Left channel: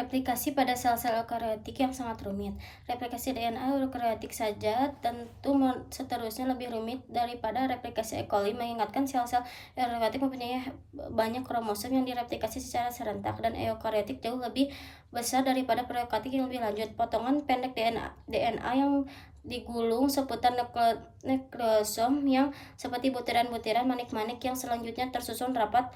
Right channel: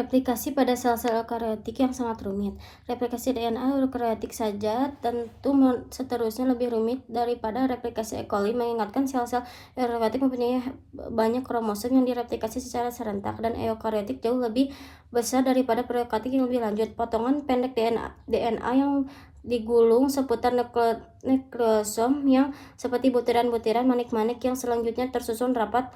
Replikasi pada sel-sel eukariotik yang sangat rumit. Replikasi DNA eukariotik saja tentu seterusnya lebih rumit daripada replikasi E. coli, mengingatkan sel-sel eukariotik mempunyai banyak kromosom yang direplikasi secara serentak, dan eukariotik jauh lebih besar daripada prokaryotik yang lebih lanjut. Potongan pendek DNA yang digulung seputar nukleosom yang seperti butiran-butiran manik-manik yang selanjutnya tersusun rapat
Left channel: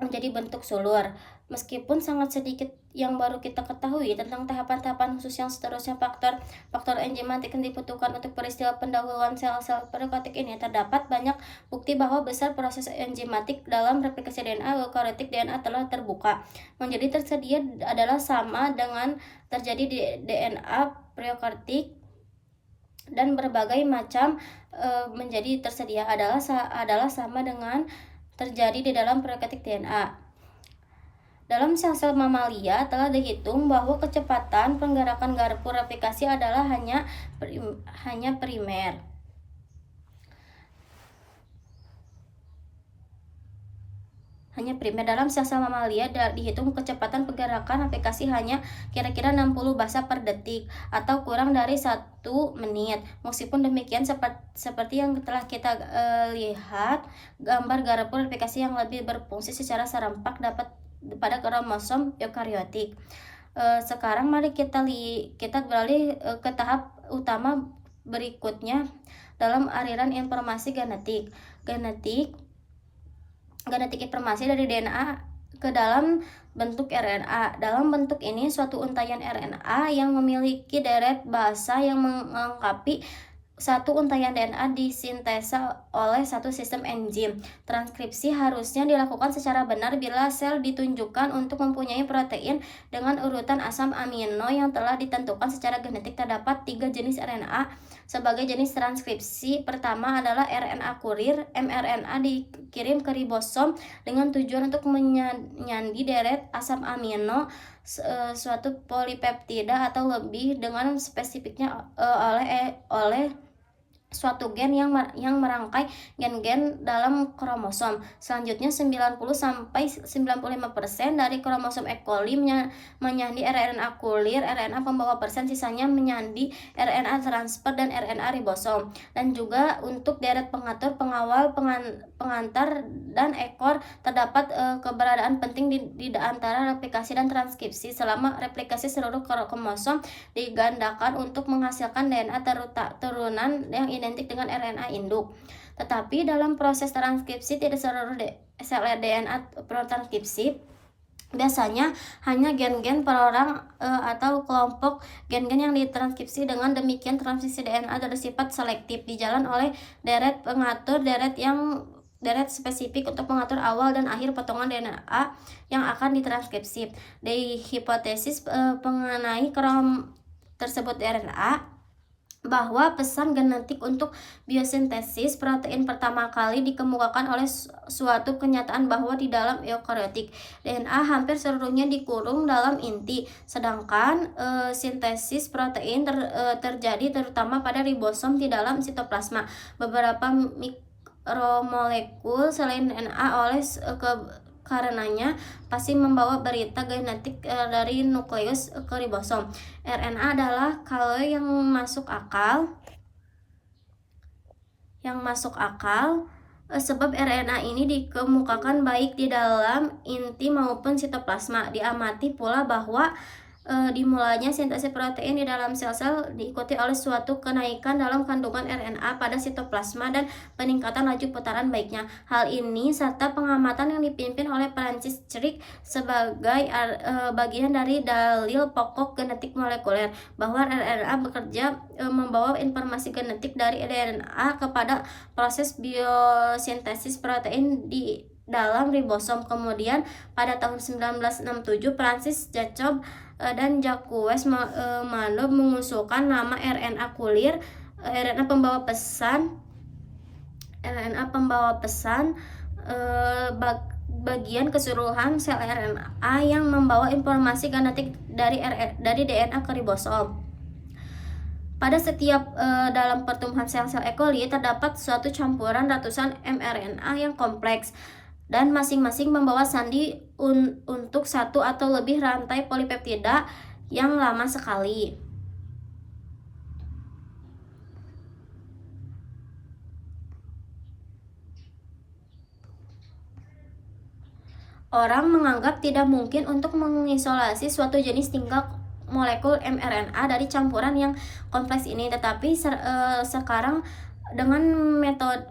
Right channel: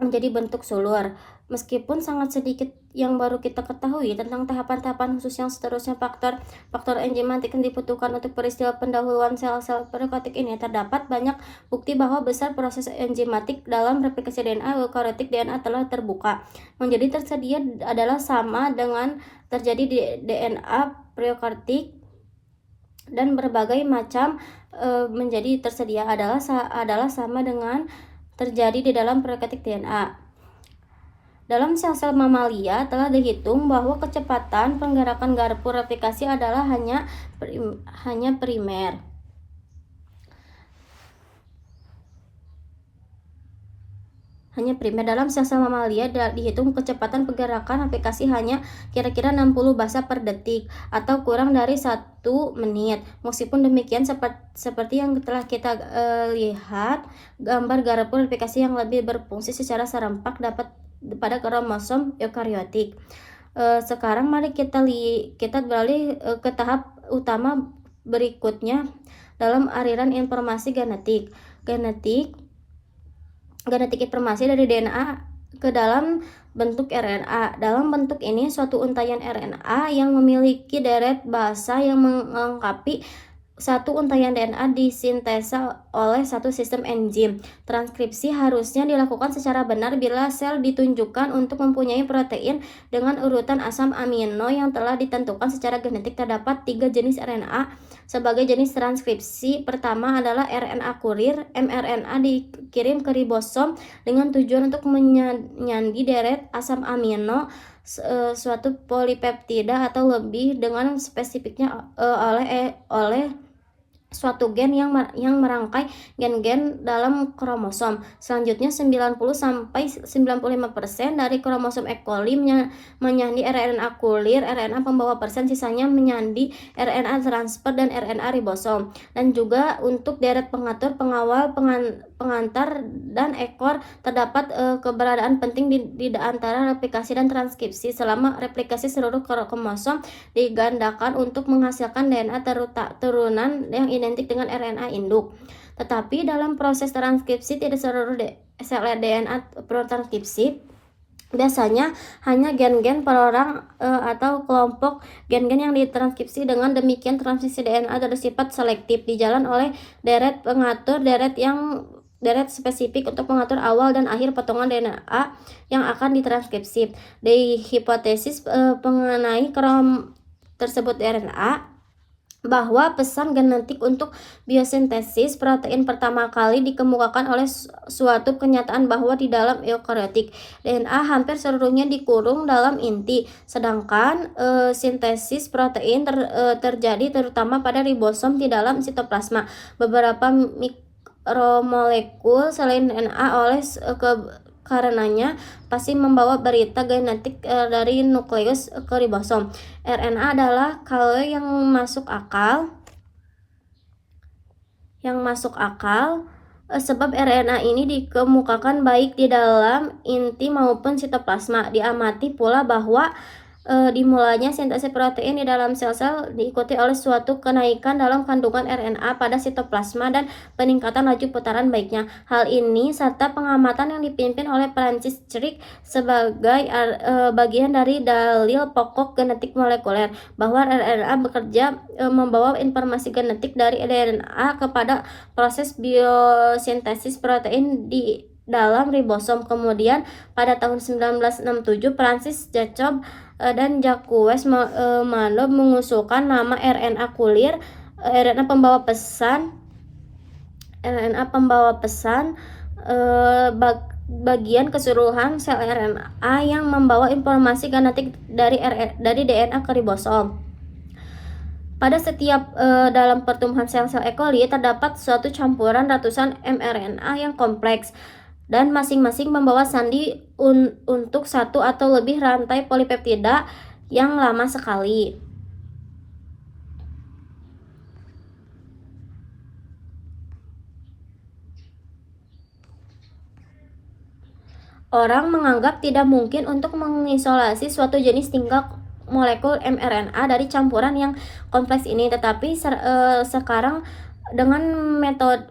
menjadi bentuk sulur. Meskipun sangat sedikit yang baru kita ketahui tentang tahapan-tahapan khusus yang seterusnya, faktor enzimatik yang dibutuhkan untuk peristiwa pendahuluan sel-sel prokaryotik ini, terdapat banyak bukti bahwa besar proses enzimatik dalam replikasi DNA eukariotik DNA telah terbuka. Menjadi tersedia adalah sama dengan terjadi di DNA prokaryotik, dan berbagai macam menjadi tersedia adalah sama dengan terjadi di dalam prokaryotik DNA. Dalam sel-sel mamalia telah dihitung bahwa kecepatan penggerakan garpu replikasi adalah hanya primer. Dalam sel-sel mamalia dihitung kecepatan pergerakan replikasi hanya kira-kira 60 basa per detik atau kurang dari 1 menit. Meskipun demikian, seperti yang telah kita lihat, gambar garpu replikasi yang lebih berfungsi secara serempak dapat pada kromosom eukariotik. Sekarang mari kita beralih ke tahap utama berikutnya dalam aliran informasi genetik informasi dari DNA ke dalam bentuk RNA. Dalam bentuk ini, suatu untaian RNA yang memiliki deret basa yang melengkapi satu untaian DNA disintesa oleh satu sistem enzim. Transkripsi harusnya dilakukan secara benar bila sel ditunjukkan untuk mempunyai protein dengan urutan asam amino yang telah ditentukan secara genetik. Terdapat 3 jenis RNA sebagai jenis transkripsi. Pertama adalah RNA kurir. mRNA dikirim ke ribosom dengan tujuan untuk menyandi deret asam amino suatu polipeptida atau lebih dengan spesifiknya oleh suatu gen yang merangkai gen-gen dalam kromosom. Selanjutnya 90-95% dari kromosom E. coli menyandi RNA kulir, RNA pembawa persen, sisanya menyandi RNA transfer dan RNA ribosom. Dan juga untuk deret pengatur, pengawal, pengantar, dan ekor terdapat keberadaan penting di antara replikasi dan transkripsi. Selama replikasi, seluruh kromosom digandakan untuk menghasilkan DNA turunan yang identik dengan RNA induk. Tetapi dalam proses transkripsi, tidak seluruh sel DNA transkripsi. Biasanya hanya gen-gen per orang atau kelompok gen-gen yang ditranskripsi. Dengan demikian, transkripsi DNA bersifat selektif, dijalan oleh deret pengatur, deret spesifik untuk mengatur awal dan akhir potongan DNA yang akan ditranskripsi. Di hipotesis mengenai tersebut RNA, bahwa pesan genetik untuk biosintesis protein pertama kali dikemukakan oleh suatu kenyataan bahwa di dalam eukariotik DNA hampir seluruhnya dikurung dalam inti, sedangkan sintesis protein terjadi terutama pada ribosom di dalam sitoplasma. Beberapa mikromolekul selain DNA karenanya pasti membawa berita genetik dari nukleus ke ribosom. RNA adalah kalau yang masuk akal sebab RNA ini dikemukakan baik di dalam inti maupun sitoplasma. Diamati pula bahwa dimulainya sintesis protein di dalam sel-sel diikuti oleh suatu kenaikan dalam kandungan RNA pada sitoplasma dan peningkatan laju putaran baiknya. Hal ini serta pengamatan yang dipimpin oleh Francis Crick sebagai bagian dari dalil pokok genetik molekuler bahwa RNA bekerja membawa informasi genetik dari DNA kepada proses biosintesis protein di dalam ribosom. Kemudian pada tahun 1967, Francis Jacob dan Jacques Monod mengusulkan nama RNA kulir, RNA pembawa pesan bagian keseluruhan sel RNA yang membawa informasi genetik dari DNA ke ribosom. Pada setiap dalam pertumbuhan sel-sel E. coli terdapat suatu campuran ratusan mRNA yang kompleks. dan masing-masing membawa sandi untuk satu atau lebih rantai polipeptida yang lama sekali. Orang menganggap tidak mungkin untuk mengisolasi suatu jenis tingkat molekul mRNA dari campuran yang kompleks ini, tetapi sekarang dengan metode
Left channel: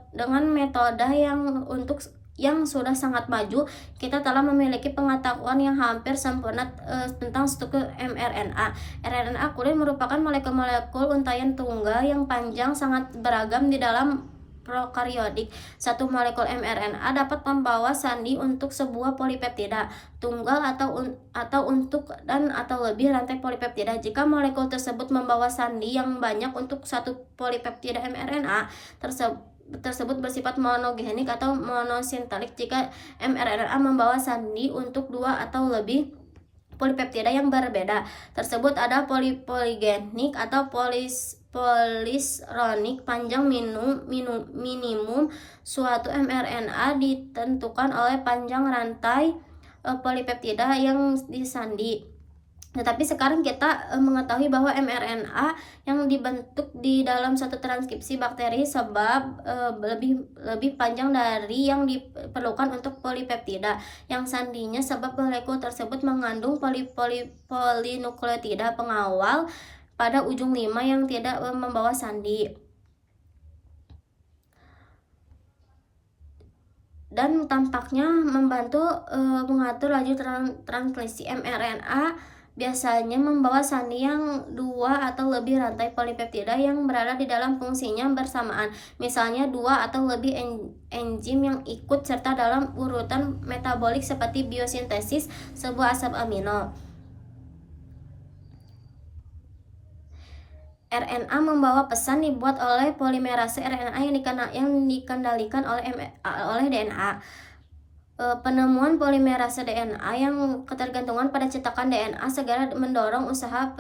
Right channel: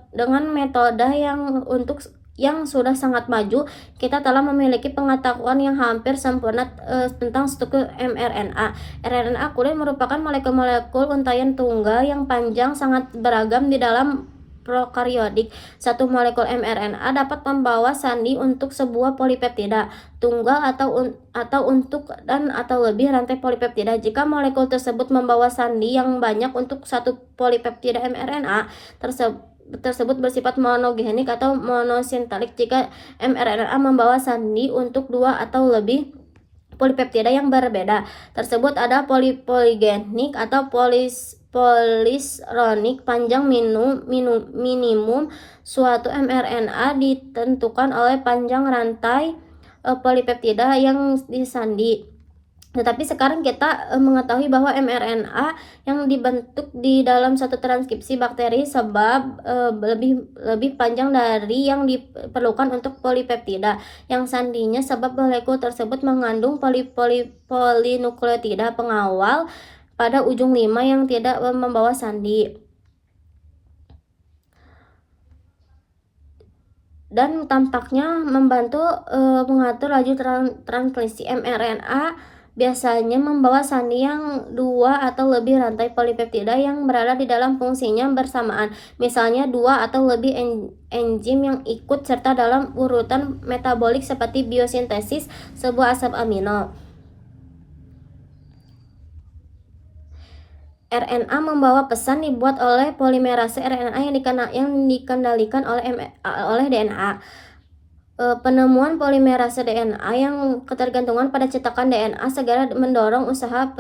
yang sudah sangat maju, kita telah memiliki pengetahuan yang hampir sempurna tentang struktur mRNA. RNA kulit merupakan molekul-molekul untaian tunggal yang panjang sangat beragam di dalam prokaryotik. Satu molekul mRNA dapat membawa sandi untuk sebuah polipeptida tunggal atau untuk atau lebih rantai polipeptida. Jika molekul tersebut membawa sandi yang banyak untuk satu polipeptida mRNA tersebut bersifat monogenik atau monosintetik. Jika mRNA membawa sandi untuk dua atau lebih polipeptida yang berbeda tersebut ada poligenik atau polisronik. Panjang minimum suatu mRNA ditentukan oleh panjang rantai polipeptida yang disandi. Tetapi sekarang kita mengetahui bahwa mRNA yang dibentuk di dalam satu transkripsi bakteri sebab lebih panjang dari yang diperlukan untuk polipeptida yang sandinya, sebab molekul tersebut mengandung polinukleotida pengawal pada ujung 5 yang tidak membawa sandi. Dan tampaknya membantu mengatur laju transkripsi mRNA biasanya membawa sandi yang dua atau lebih rantai polipeptida yang berada di dalam fungsinya bersamaan, misalnya dua atau lebih enzim yang ikut serta dalam urutan metabolik seperti biosintesis sebuah asam amino. RNA membawa pesan dibuat oleh polimerase RNA yang dikendalikan oleh DNA. Penemuan polimerase DNA yang ketergantungan pada cetakan DNA segera mendorong usaha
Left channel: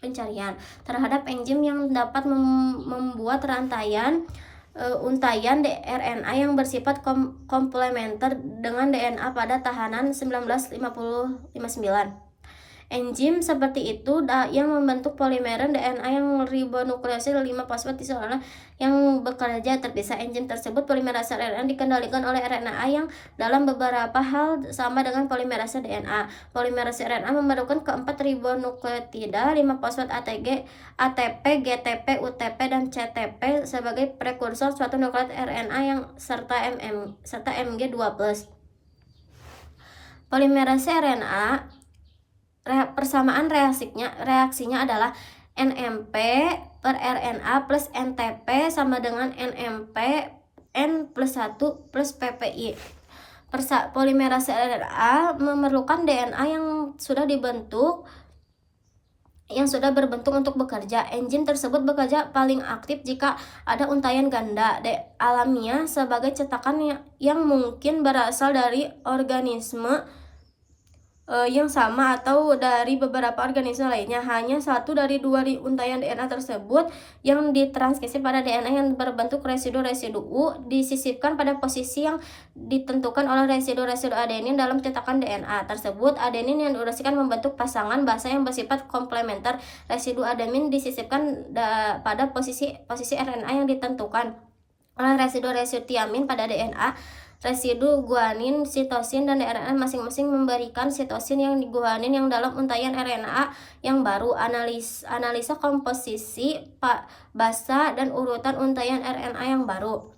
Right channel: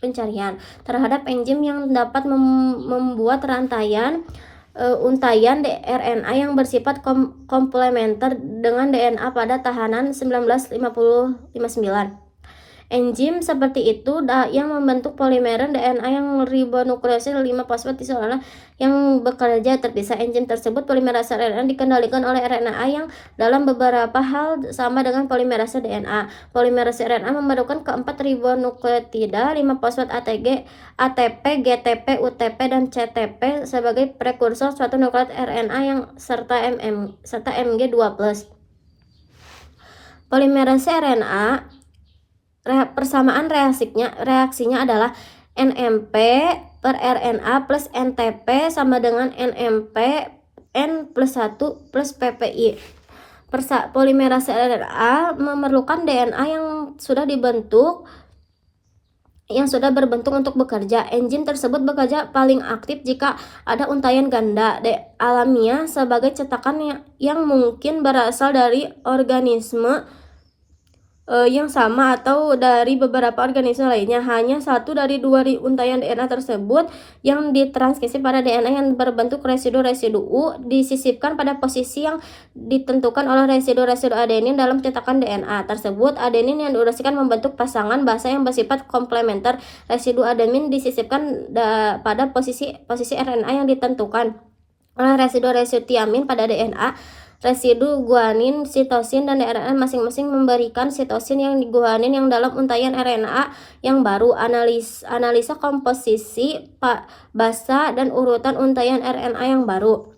pencarian terhadap enzim yang dapat membuat untaian RNA yang bersifat komplementer dengan DNA pada tahanan 1959. Enzim seperti itu yang membentuk polimer DNA yang ribonukleosid 5-fosfat isolat yang bekerja terpisah. Enzim tersebut polimerase RNA dikendalikan oleh RNA yang dalam beberapa hal sama dengan polimerase DNA. Polimerase RNA memerlukan keempat ribonukleotida 5-fosfat ATP, GTP, UTP, dan CTP sebagai prekursor suatu nukleot RNA yang serta Mg2+. Polimerase RNA persamaan reaksinya adalah NMP per RNA plus NTP sama dengan NMP N+1 plus PPI. Polimerase RNA memerlukan DNA yang sudah berbentuk untuk bekerja. Enzim tersebut bekerja paling aktif jika ada untaian ganda alamiah sebagai cetakan yang mungkin berasal dari organisme yang sama atau dari beberapa organisme lainnya. Hanya satu dari dua untaian DNA tersebut yang ditranskripsi pada DNA yang berbentuk residu-residu U disisipkan pada posisi yang ditentukan oleh residu-residu adenin dalam cetakan DNA tersebut. Adenin yang diurasikan membentuk pasangan basa yang bersifat komplementer. Residu adenin disisipkan pada posisi RNA yang ditentukan oleh residu-residu tiamin pada DNA. Residu guanin, sitosin, dan RNA masing-masing memberikan sitosin yang guanin yang dalam untaian RNA yang baru. Analisa komposisi basa dan urutan untaian RNA yang baru.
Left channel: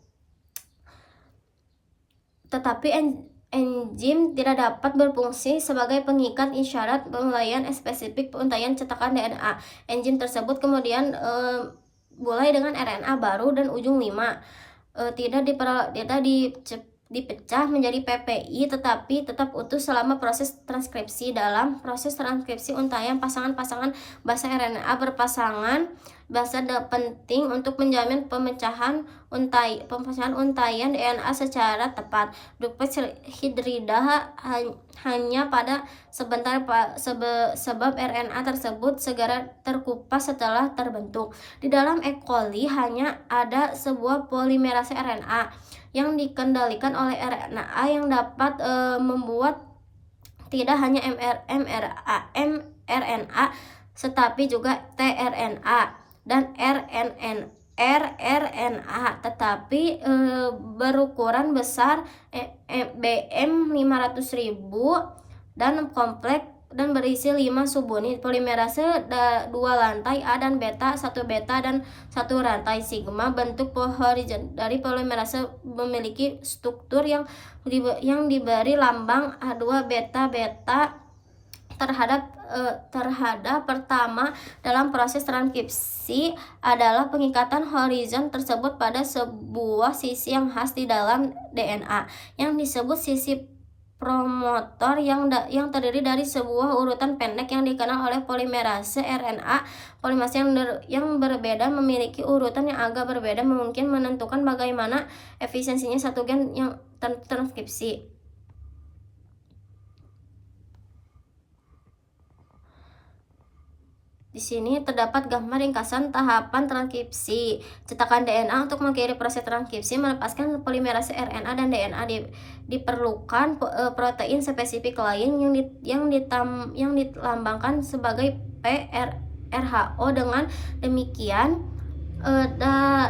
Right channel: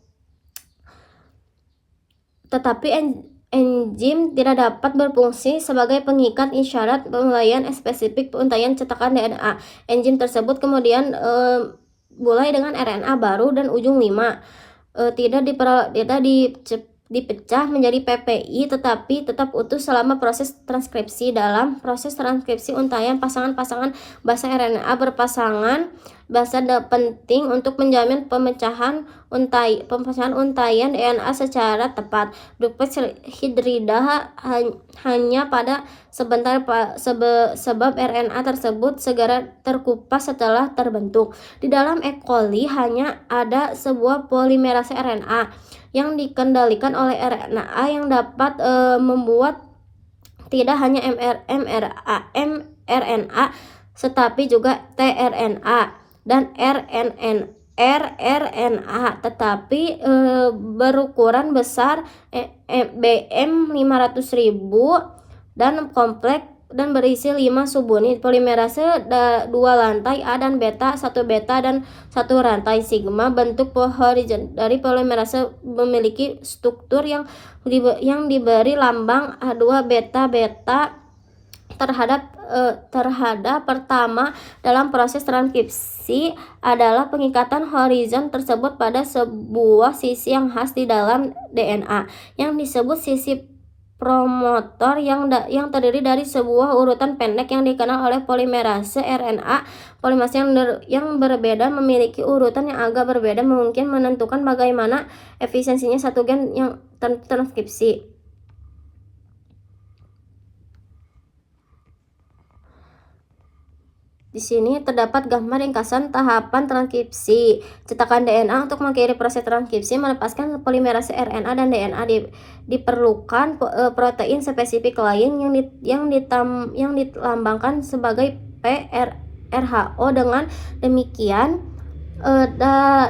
Tetapi enzim tidak dapat berfungsi sebagai pengikat isyarat pemulaian spesifik untaian cetakan DNA. Enzim tersebut kemudian mulai dengan RNA baru dan ujung 5 tidak dipecah menjadi PPI tetapi tetap utuh selama proses transkripsi. Dalam proses transkripsi untaian pasangan-pasangan basa RNA berpasangan basa penting untuk menjamin pemecahan untaian DNA secara tepat. Duplex hidrida hanya pada sebentar sebab RNA tersebut segera terkupas setelah terbentuk. Di dalam E. coli hanya ada sebuah polimerase RNA yang dikendalikan oleh RNA yang dapat membuat tidak hanya mRNA tetapi juga tRNA dan rRNA tetapi berukuran besar BM 500.000 dan kompleks dan berisi 5 subunit. Polimerase 2 lantai A dan beta, 1 beta dan 1 rantai sigma. Bentuk horizontal dari polimerase memiliki struktur yang diberi lambang A2 beta beta terhadap pertama dalam proses transkripsi adalah pengikatan horizon tersebut pada sebuah sisi yang khas di dalam DNA yang disebut sisi promotor yang terdiri dari sebuah urutan pendek yang dikenal oleh polimerase RNA. Polimerase yang berbeda memiliki urutan yang agak berbeda mungkin menentukan bagaimana efisiensinya satu gen yang transkripsi. Di sini terdapat gambar ringkasan tahapan transkripsi. Cetakan DNA untuk mengakhiri proses transkripsi melepaskan polimerase RNA dan DNA diperlukan protein spesifik lain yang dilambangkan sebagai PRHO. Dengan demikian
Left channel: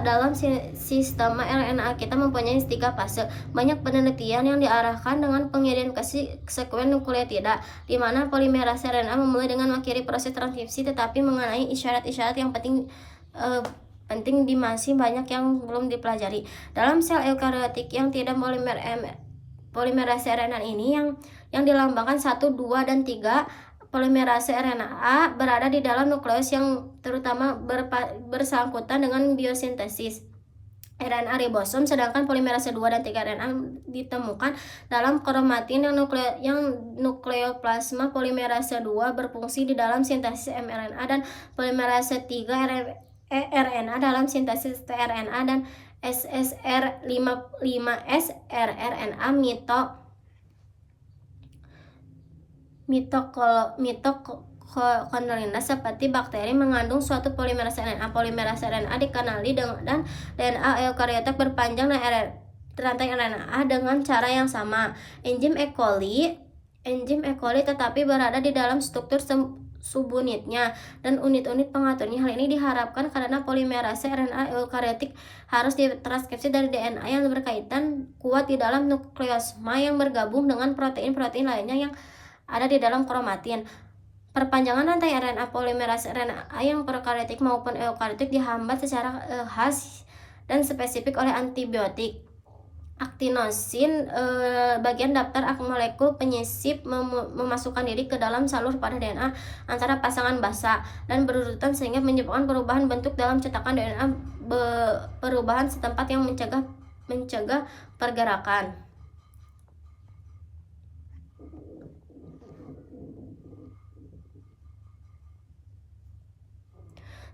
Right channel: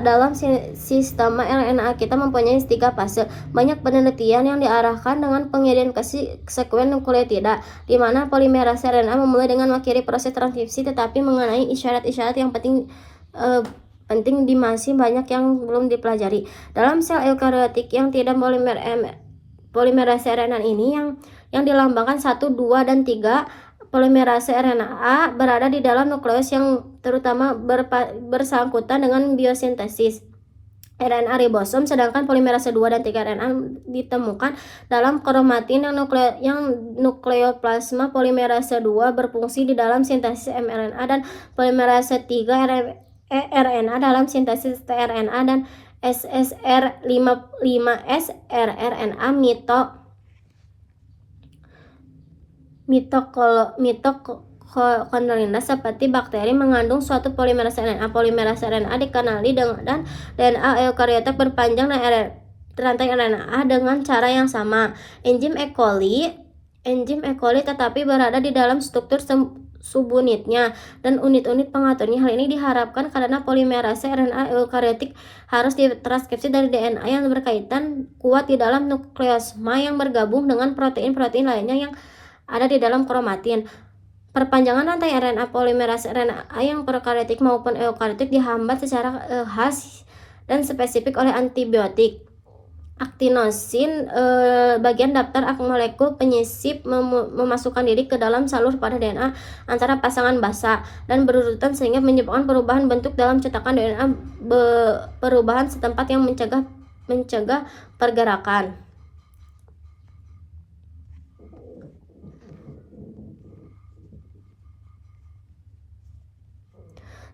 dalam sistem RNA kita mempunyai 3 fase. Banyak penelitian yang diarahkan dengan pengidentifikasi sekuen nukleotida, di mana polimerase RNA memulai dengan mengakhiri proses transkripsi, tetapi mengenai isyarat-isyarat yang penting masih banyak yang belum dipelajari. Dalam sel eukariotik yang tidak polimerase RNA ini yang dilambangkan 1, 2, dan 3, polimerase RNA berada di dalam nukleus yang terutama bersangkutan dengan biosintesis RNA ribosom, sedangkan polimerase 2 dan 3 RNA ditemukan dalam kromatin yang nukleoplasma. Polimerase 2 berfungsi di dalam sintesis mRNA dan polimerase 3 RNA dalam sintesis tRNA dan SSR5S rRNA mitokondrial seperti bakteri mengandung suatu polimerase RNA. Polimerase RNA dikenali dan DNA eukariotik berpanjang dan rantai RNA dengan cara yang sama. Enzim E. coli tetapi berada di dalam struktur subunitnya dan unit-unit pengaturnya. Hal ini diharapkan karena polimerase RNA eukariotik harus ditranskripsi dari DNA yang berkaitan kuat di dalam nukleosoma yang bergabung dengan protein-protein lainnya yang ada di dalam kromatin. Perpanjangan rantai RNA polimerase RNA yang prokaryotik maupun eukaryotik dihambat secara khas dan spesifik oleh antibiotik. Aktinosin, bagian daftar molekul penyisip, memasukkan diri ke dalam salur pada DNA antara pasangan basa dan berurutan sehingga menyebabkan perubahan bentuk dalam cetakan DNA, perubahan setempat yang mencegah pergerakan.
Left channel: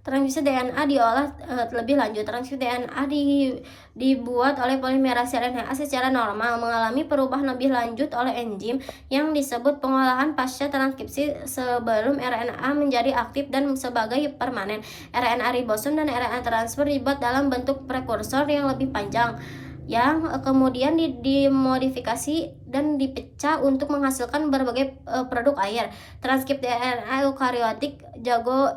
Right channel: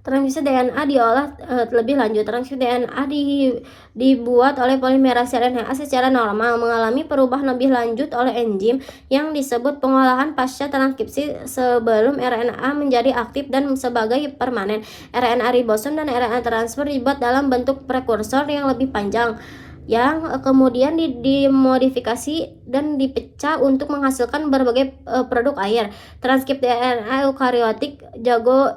Transkripsi DNA diolah lebih lanjut. Transkripsi DNA dibuat oleh polimerase RNA secara normal, mengalami perubahan lebih lanjut oleh enzim yang disebut pengolahan pasca transkripsi sebelum RNA menjadi aktif dan sebagai permanen. RNA ribosom dan RNA transfer dibuat dalam bentuk prekursor yang lebih panjang yang kemudian dimodifikasi dan dipecah untuk menghasilkan berbagai produk air. Transkripsi RNA eukariotik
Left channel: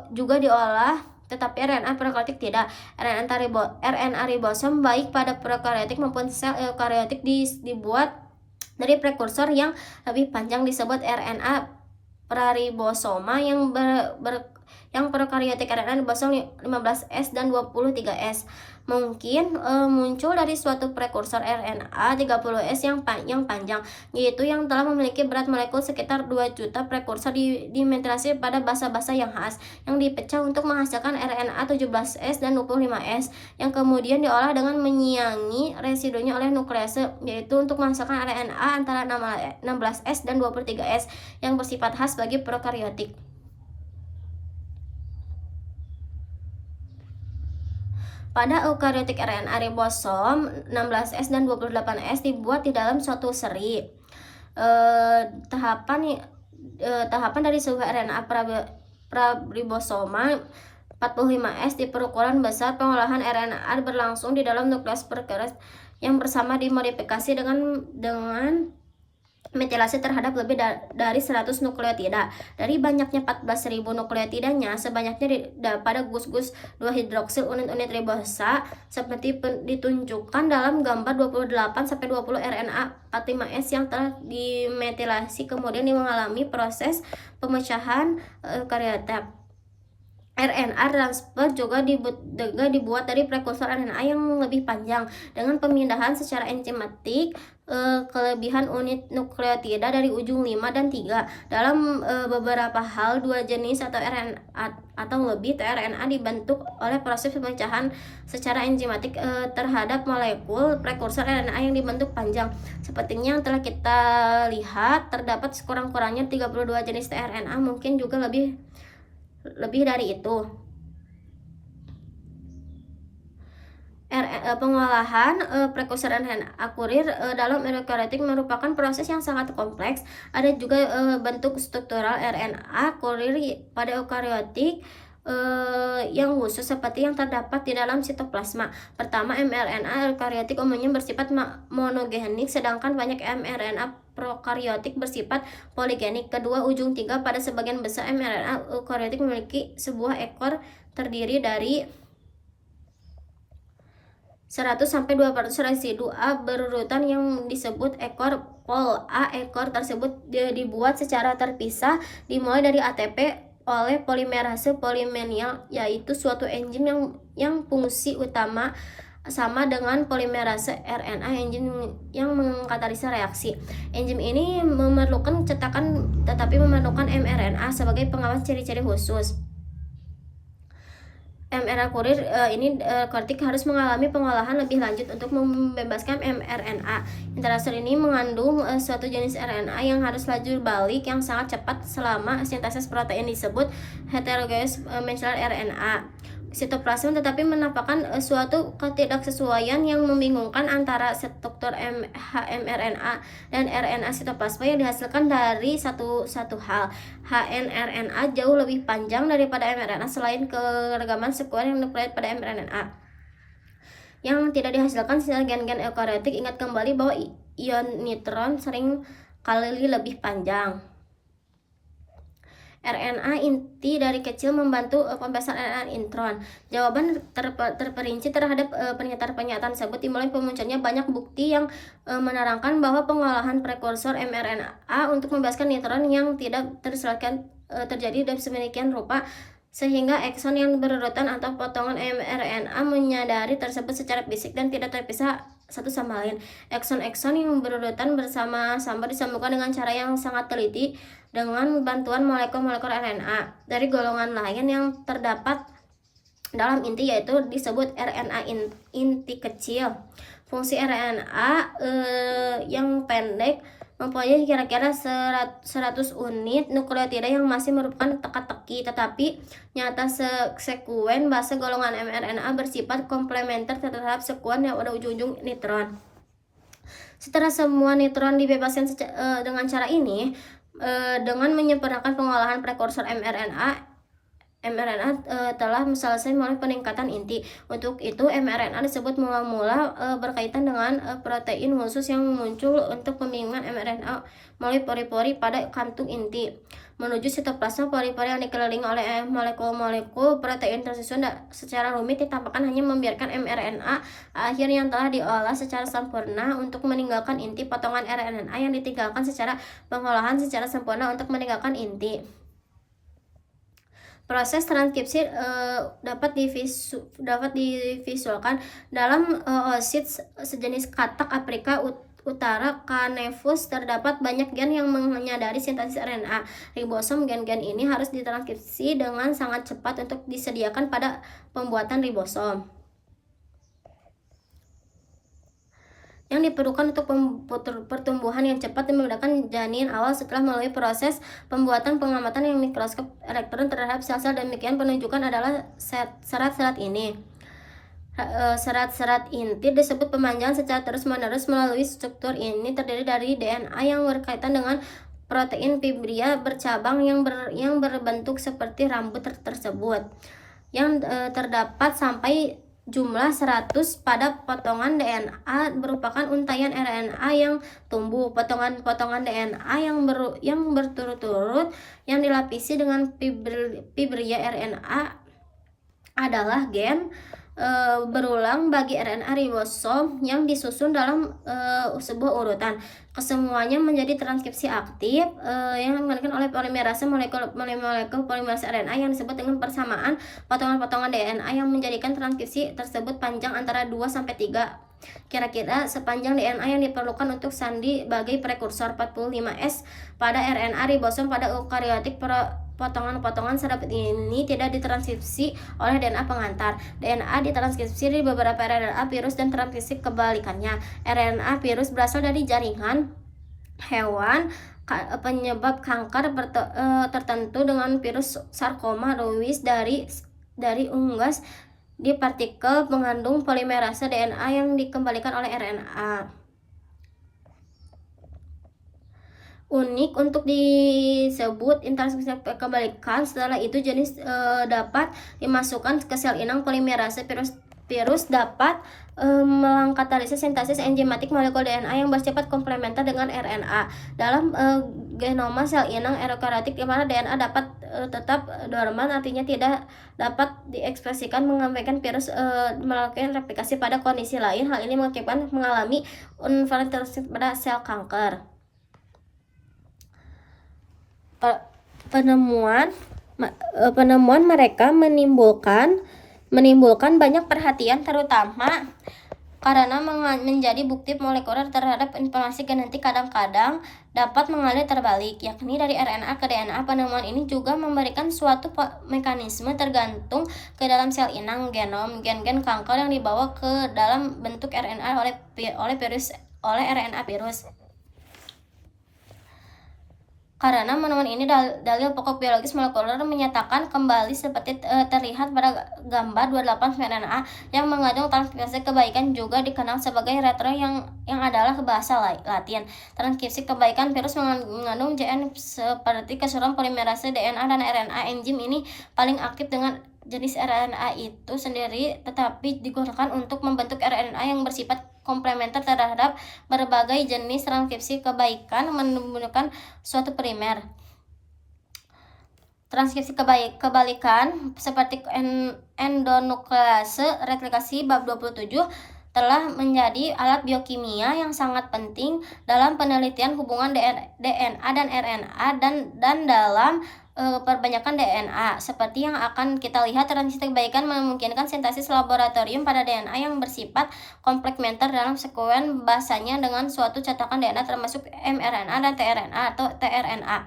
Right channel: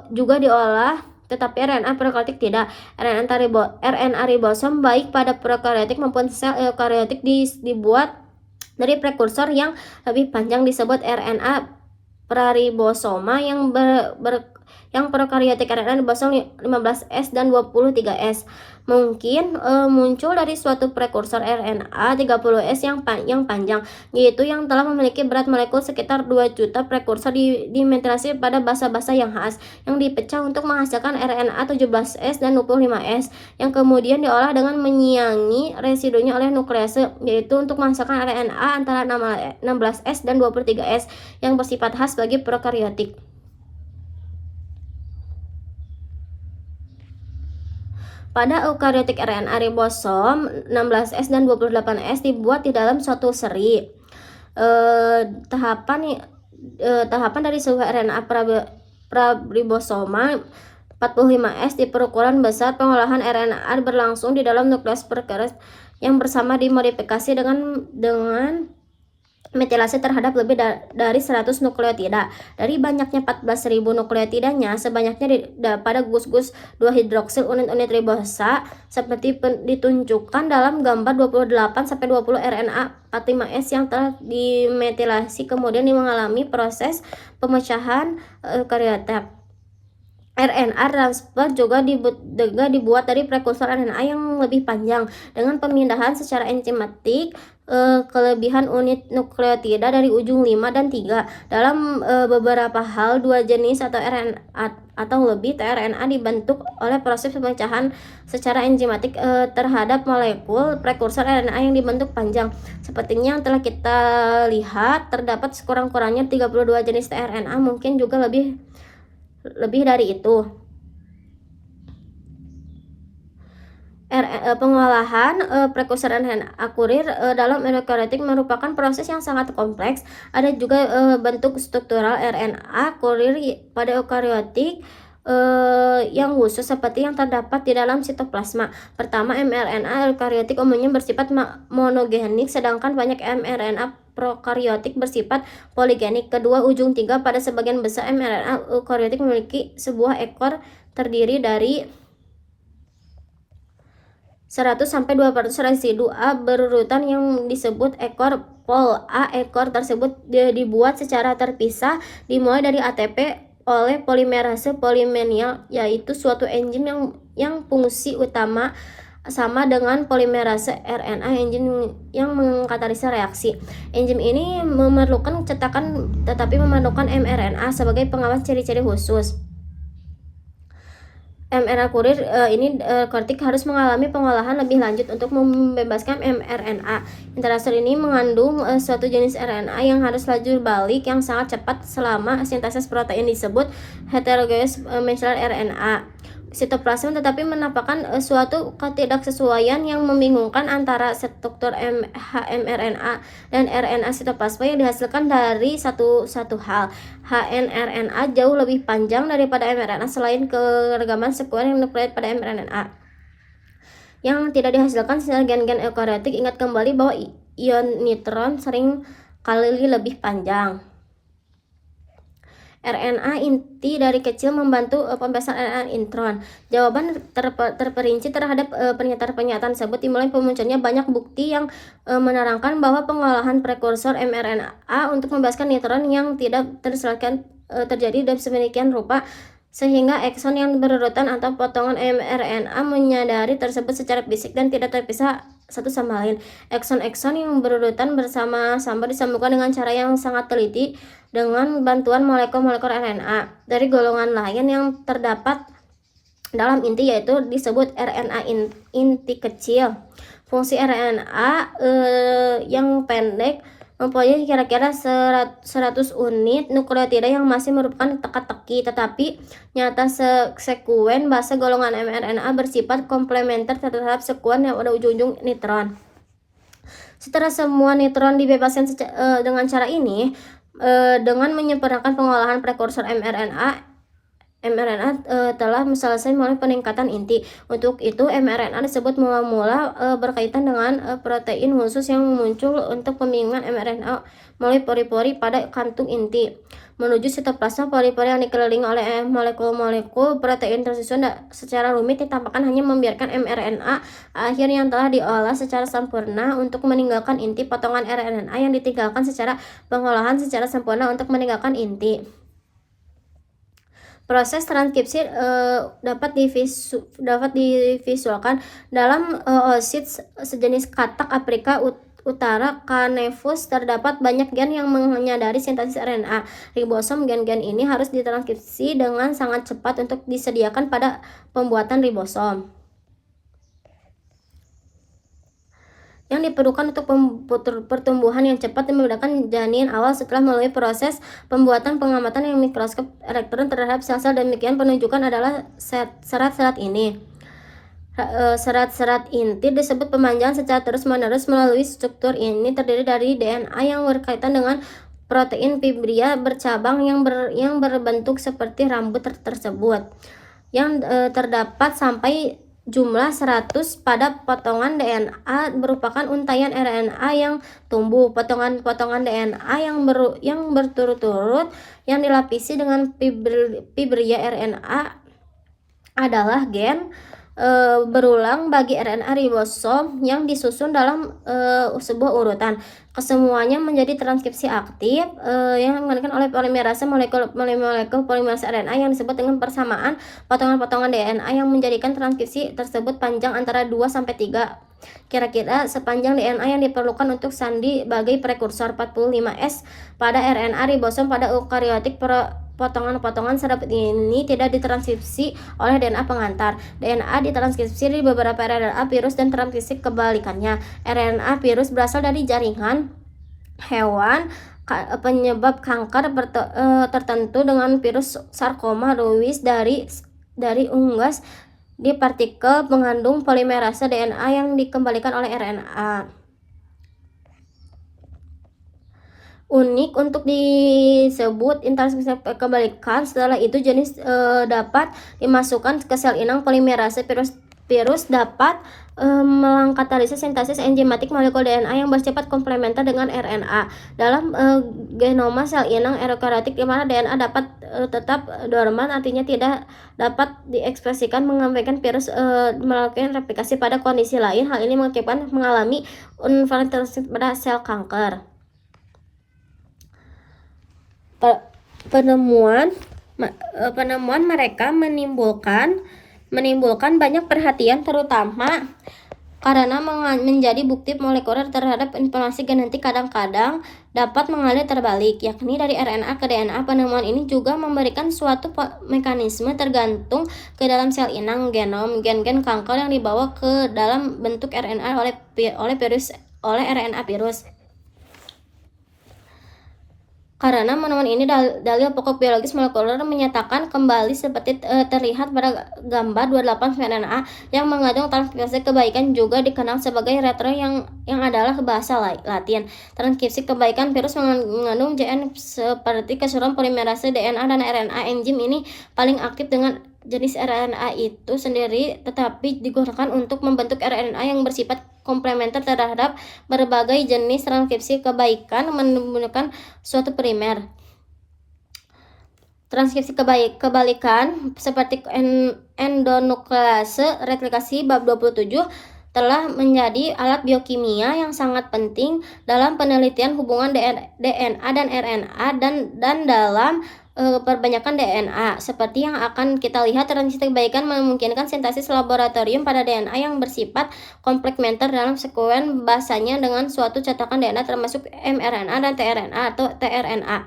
juga diolah, tetapi RNA prokaryotik tidak. RNA ribosom baik pada prokaryotik maupun sel eukaryotik dibuat dari prekursor yang lebih panjang disebut RNA praribosoma yang prokaryotik. RNA ribosom 15S dan 23S mungkin muncul dari suatu prekursor RNA 30S yang panjang, yaitu yang telah memiliki berat molekul sekitar 2 juta. Prekursor dimetrasi pada basa-basa yang khas yang dipecah untuk menghasilkan RNA 17S dan 25S yang kemudian diolah dengan menyiangi residunya oleh nuklease, yaitu untuk menghasilkan RNA antara 16S dan 23S yang bersifat khas bagi prokaryotik. Pada eukaryotik RNA ribosom 16S dan 28S dibuat di dalam suatu seri. Tahapan dari sebuah RNA praribosoma 45S di perukuran besar. Pengolahan RNA berlangsung di dalam nukleus yang bersama dimodifikasi dengan metilasi terhadap lebih dari 100 nukleotida. Dari banyaknya 14.000 nukleotidanya, sebanyaknya pada gus-gus 2-hidroksil unit-unit ribosa seperti ditunjukkan dalam gambar 28-20 RNA 45S yang telah dimetilasi kemudian mengalami proses pemecahan eukariotik. RNA transfer juga dibuat dari prekursor RNA yang lebih panjang dengan pemindahan secara enzimatik kelebihan unit nukleotida dari ujung 5 dan 3. Dalam beberapa hal, dua jenis atau RNA atau lebih tRNA dibentuk oleh proses pemecahan secara enzimatik terhadap molekul prekursor RNA yang dibentuk panjang. Sepertinya yang telah kita lihat, terdapat sekurang-kurangnya 32 jenis tRNA, mungkin juga lebih dari itu. Pengolahan prekursor RNA kurir dalam eukariotik merupakan proses yang sangat kompleks. Ada juga bentuk struktural RNA kurir pada eukariotik yang khusus seperti yang terdapat di dalam sitoplasma. Pertama, mRNA eukariotik umumnya bersifat monogenik, sedangkan banyak mRNA prokaryotik bersifat poligenik. Kedua, ujung 3 pada sebagian besar mRNA eukariotik memiliki sebuah ekor terdiri dari 100-200 residu A berurutan yang disebut ekor pol A. Ekor tersebut dibuat secara terpisah dimulai dari ATP oleh polimerase polimenial, yaitu suatu enzim yang fungsi utama sama dengan polimerase RNA, enzim yang mengkatalisis reaksi. Enzim ini memerlukan cetakan tetapi memerlukan mRNA sebagai pengawas ciri-ciri khusus. mRNA kurir kortik harus mengalami pengolahan lebih lanjut untuk membebaskan mRNA. Interaser ini mengandung suatu jenis RNA yang harus laju balik yang sangat cepat selama sintesis protein disebut heterologous messenger RNA. Sitoplasma tetapi menampakkan suatu ketidaksesuaian yang membingungkan antara struktur mRNA dan RNA sitoplasma yang dihasilkan dari satu hal. hnRNA jauh lebih panjang daripada mRNA selain keragaman sekuensial nukleat pada mRNA yang tidak dihasilkan secara gen-gen eukariotik. Ingat kembali bahwa ion nitron sering kali lebih panjang. RNA inti dari kecil membantu pembebasan RNA intron. Jawaban terperinci terhadap pernyataan-pernyataan tersebut dimulai munculnya banyak bukti yang menerangkan bahwa pengolahan prekursor mRNA untuk membebaskan nitron yang tidak terselesaikan terjadi dan sedemikian rupa sehingga ekson yang berurutan atau potongan mRNA menyadari tersebut secara fisik dan tidak terpisah satu sama lain. Ekson-ekson yang berurutan bersama-sama disambungkan dengan cara yang sangat teliti dengan bantuan molekul-molekul RNA dari golongan lain yang terdapat dalam inti, yaitu disebut RNA inti kecil. Fungsi RNA yang pendek mempunyai kira-kira 100 unit nukleotida yang masih merupakan teka-teki, tetapi nyata sekuen base golongan mRNA bersifat komplementer terhadap sekuen yang ada ujung-ujung nitron. Setelah semua nitron dibebaskan dengan cara ini, dengan menyempurnakan pengolahan prekursor mRNA telah selesai melalui peningkatan inti. Untuk itu mRNA disebut mula-mula berkaitan dengan protein khusus yang muncul untuk pembingungan mRNA melalui pori-pori pada kantung inti menuju sitoplasma. Pori-pori yang dikelilingi oleh molekul-molekul protein tersusun secara rumit ditampakkan hanya membiarkan mRNA akhir yang telah diolah secara sempurna untuk meninggalkan inti. Potongan RNA yang ditinggalkan secara pengolahan secara sempurna untuk meninggalkan inti. Proses transkripsi dapat divisualkan dalam oosit sejenis katak Afrika Utara Canaveus. Terdapat banyak gen yang menyadari sintesis RNA ribosom. Gen-gen ini harus ditranskripsi dengan sangat cepat untuk disediakan pada pembuatan ribosom yang diperlukan untuk pertumbuhan yang cepat dan menggunakan janin awal setelah melalui proses pembuatan pengamatan yang mikroskop elektron terhadap sel-sel. Demikian penunjukan adalah serat-serat ini. Serat-serat inti disebut pemanjangan secara terus-menerus melalui struktur ini terdiri dari DNA yang berkaitan dengan protein fibria bercabang yang berbentuk seperti rambut tersebut yang terdapat sampai jumlah 100 pada potongan DNA merupakan untaian RNA yang tumbuh. Potongan-potongan DNA yang berturut-turut yang dilapisi dengan fibria RNA adalah gen berulang bagi RNA ribosom yang disusun dalam sebuah urutan. Kesemuanya menjadi transkripsi aktif yang dilakukan oleh polimerase molekul polimerase RNA yang disebut dengan persamaan potongan-potongan DNA yang menjadikan transkripsi tersebut panjang antara 2 sampai 3. Kira-kira sepanjang DNA yang diperlukan untuk sandi sebagai prekursor 45S pada RNA ribosom pada eukariotik. Potongan-potongan seperti ini tidak ditranskripsi oleh DNA pengantar. DNA ditranskripsi di beberapa RNA virus dan transkripsi kebalikannya. RNA virus berasal dari jaringan hewan penyebab kanker tertentu dengan virus sarkoma Lewis dari unggas di partikel mengandung polimerase DNA yang dikembalikan oleh RNA. Unik untuk disebut intranskripsi kebalikan. Setelah itu jenis dapat dimasukkan ke sel inang. Polimerase virus dapat mengkatalisis sintesis enzimatik molekul DNA yang bersifat komplementer dengan RNA dalam genoma sel inang eukariotik, di mana DNA dapat tetap dorman, artinya tidak dapat diekspresikan, mengabaikan virus melakukan replikasi pada kondisi lain. Hal ini mengakibatkan mengalami infiltrasi pada sel kanker. Penemuan mereka menimbulkan banyak perhatian, terutama karena menjadi bukti molekuler terhadap informasi genetik kadang-kadang dapat mengalir terbalik, yakni dari RNA ke DNA. Penemuan ini juga memberikan suatu mekanisme tergantung ke dalam sel inang genom gen-gen kanker yang dibawa ke dalam bentuk RNA oleh RNA virus. Karena penemuan ini dalil pokok biologis molekuler menyatakan kembali seperti terlihat pada gambar 28 RNA yang mengandung transkripsi kebaikan, juga dikenal sebagai retro yang adalah bahasa Latin. Transkripsi kebaikan virus mengandung JN seperti keseluruhan polimerase DNA dan RNA. Enzim ini paling aktif dengan jenis RNA itu sendiri, tetapi digunakan untuk membentuk RNA yang bersifat komplementer terhadap berbagai jenis transkripsi kebaikan menggunakan suatu primer. Transkripsi kebalikan seperti endonuklease replikasi bab 27 telah menjadi alat biokimia yang sangat penting dalam penelitian hubungan DNA dan RNA dan dalam perbanyakan DNA. Seperti yang akan kita lihat, transkripsi kebaikan memungkinkan sintesis laboratorium pada DNA yang bersifat komplementer dalam sekuen basanya dengan suatu cetakan DNA termasuk mRNA dan tRNA atau tRNA.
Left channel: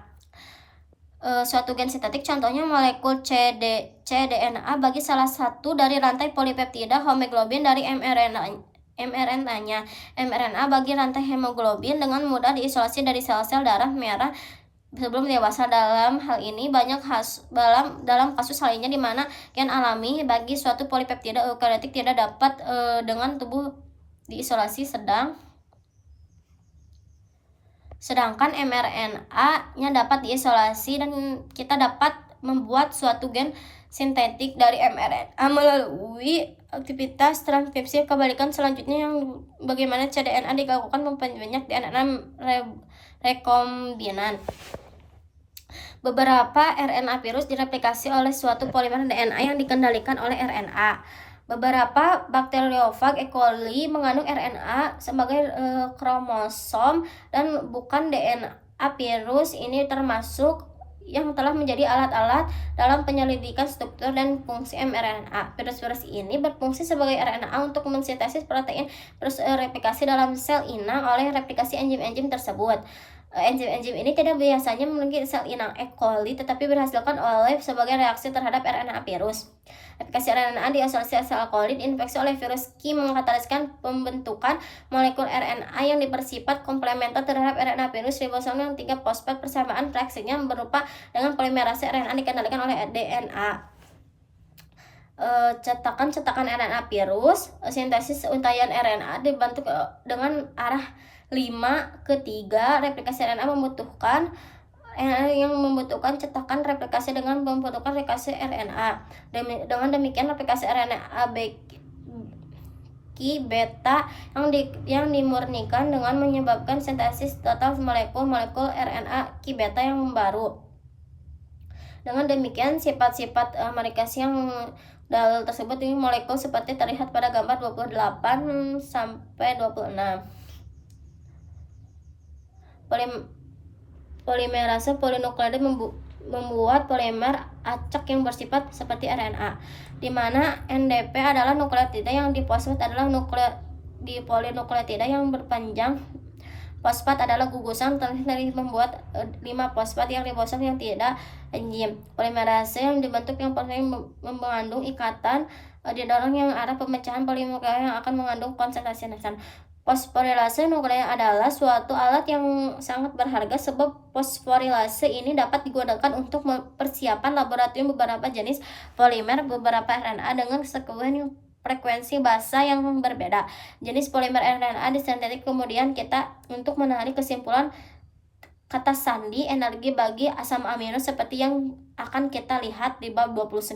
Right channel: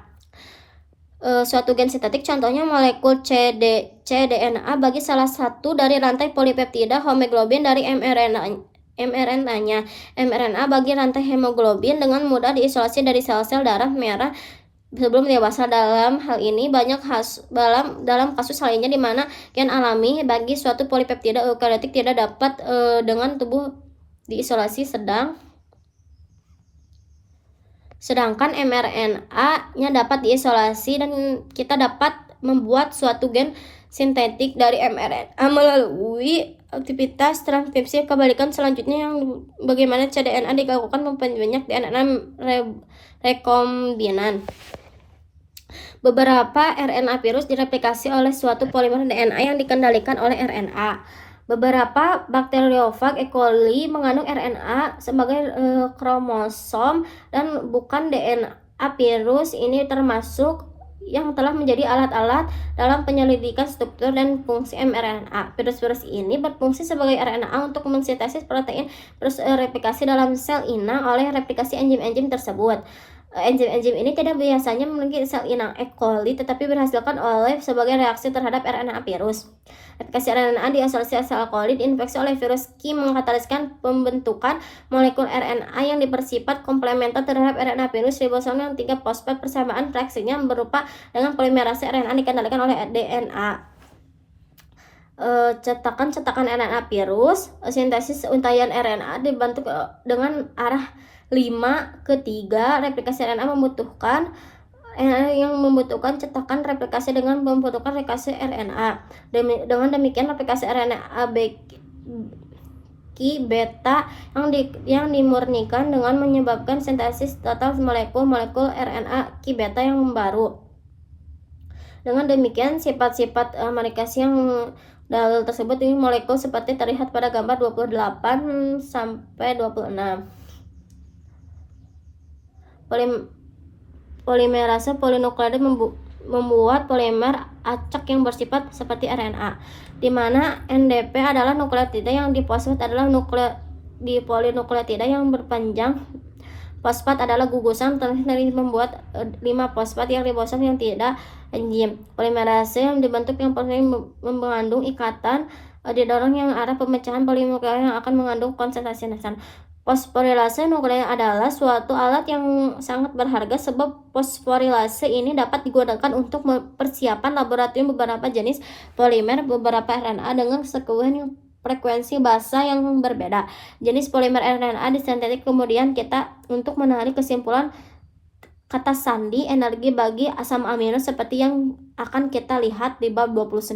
Suatu gen sintetik, contohnya molekul cDNA bagi salah satu dari rantai polipeptida hemoglobin dari mRNA-nya. mRNA bagi rantai hemoglobin dengan mudah diisolasi dari sel-sel darah merah sebelum dewasa. Dalam hal ini dalam kasus lainnya di mana gen alami bagi suatu polipeptida eukariotik tidak dapat dengan tubuh diisolasi, sedangkan mRNA-nya dapat diisolasi, dan kita dapat membuat suatu gen sintetik dari mRNA melalui aktivitas transkripsi kebalikan selanjutnya, yang bagaimana cDNA dilakukan memperbanyak DNA rekombinan. Beberapa RNA virus direplikasi oleh suatu polimer DNA yang dikendalikan oleh RNA. Beberapa bakteriofag E. coli mengandung RNA sebagai kromosom dan bukan DNA virus. Ini termasuk yang telah menjadi alat-alat dalam penyelidikan struktur dan fungsi mRNA. Virus-virus ini berfungsi sebagai RNA untuk mensintesis protein terus replikasi dalam sel inang oleh replikasi enzim-enzim tersebut. Enzim-enzim ini tidak biasanya memiliki sel inang E. coli, tetapi dihasilkan sebagai reaksi terhadap RNA virus. Replikasi RNA diisolasi sel coli diinfeksi oleh virus Q mengkataliskan pembentukan molekul RNA yang bersifat komplementer terhadap RNA virus ribosom yang 3' fosfat. Persamaan reaksinya berupa dengan polimerase RNA dikendalikan oleh DNA. Cetakan RNA virus, sintesis untaian RNA dibentuk dengan arah 5:3. Replikasi RNA membutuhkan cetakan replikasi dengan membutuhkan replikasi RNA. Dengan demikian replikasi RNA Ki beta yang dimurnikan dengan menyebabkan sintesis total molekul RNA ki beta yang baru. Dengan demikian, sifat-sifat marikasi yang dalil tersebut ini molekul seperti terlihat pada gambar 28 sampai 26. Polimerase polinukleotida membuat polimer acak yang bersifat seperti RNA, di mana NDP adalah nukleotida yang difosfat adalah di polinukleotida yang berpanjang. Fosfat adalah gugusan dari membuat 5 fosfat yang ribosom yang tidak enzim. Polimerase yang dibentuk yang mengandung ikatan didorong yang arah pemecahan polimer yang akan mengandung konsentrasi nukleosan. Fosforilase nuklear adalah suatu alat yang sangat berharga sebab fosforilase ini dapat digunakan untuk persiapan laboratorium beberapa jenis polimer beberapa RNA dengan sekuens frekuensi basa yang berbeda. Jenis polimer RNA disintetik kemudian kita untuk menarik kesimpulan kata sandi energi bagi asam amino seperti yang akan kita lihat di bab 29.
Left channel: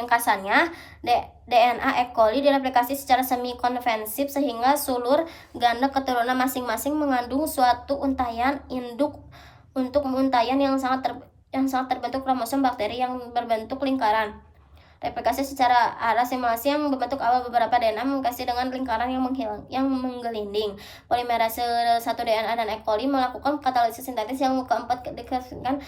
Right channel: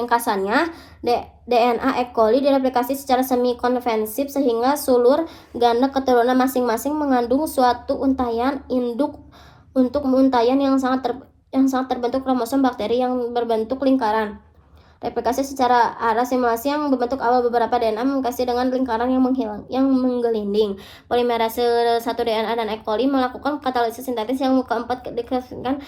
Ringkasannya, DNA E. coli direplikasi secara semi-konvensif sehingga sulur ganda keturunan masing-masing mengandung suatu untayan induk untuk untayan yang sangat terbentuk kromosom bakteri yang berbentuk lingkaran. Replikasi secara arah simulasi yang berbentuk awal beberapa DNA mengkasih dengan lingkaran yang menggelinding. Polimerase 1 DNA dan E. coli melakukan katalisis sintetis yang keempat dikasihkan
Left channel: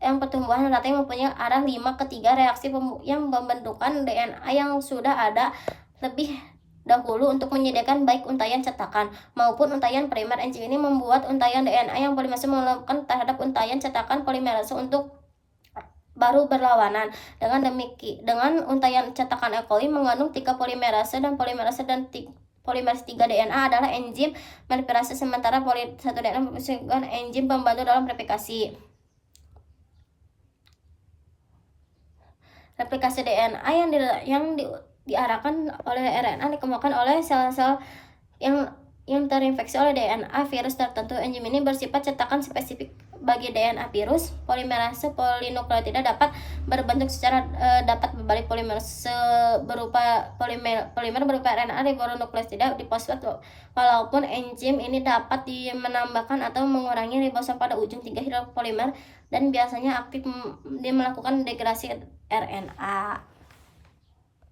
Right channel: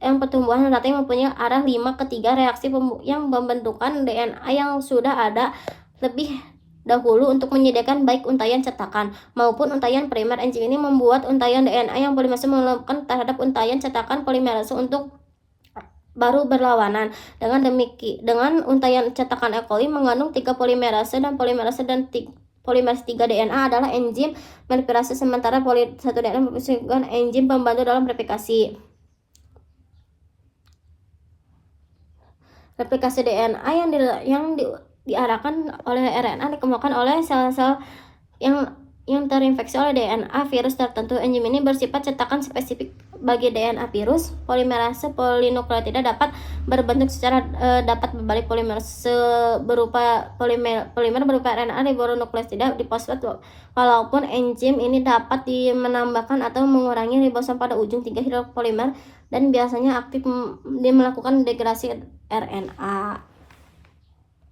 yang pertumbuhan rata yang mempunyai arah 5 ke 3 reaksi yang pembentukan DNA yang sudah ada lebih dahulu untuk menyediakan baik untayan cetakan maupun untayan primer. Enzim ini membuat untayan DNA yang polimerase melakukan terhadap untayan cetakan polimerase untuk baru berlawanan. Dengan untayan cetakan E. coli mengandung 3 polimerase dan polimerase 3 DNA adalah enzim replikasi sementara 1 DNA merupakan enzim pembantu dalam replikasi. Replikasi DNA yang diarahkan oleh RNA dikembangkan oleh sel-sel yang terinfeksi oleh DNA virus tertentu. Enzim ini bersifat cetakan spesifik bagi DNA virus. Polimerase polinukleotida dapat berbentuk secara dapat berbalik polimerase berupa polimer berupa RNA ribonukleotida difosfat. Walaupun enzim ini dapat menambahkan atau mengurangi ribosom pada ujung 3 hidropolimer dan biasanya aktif melakukan degradasi RNA.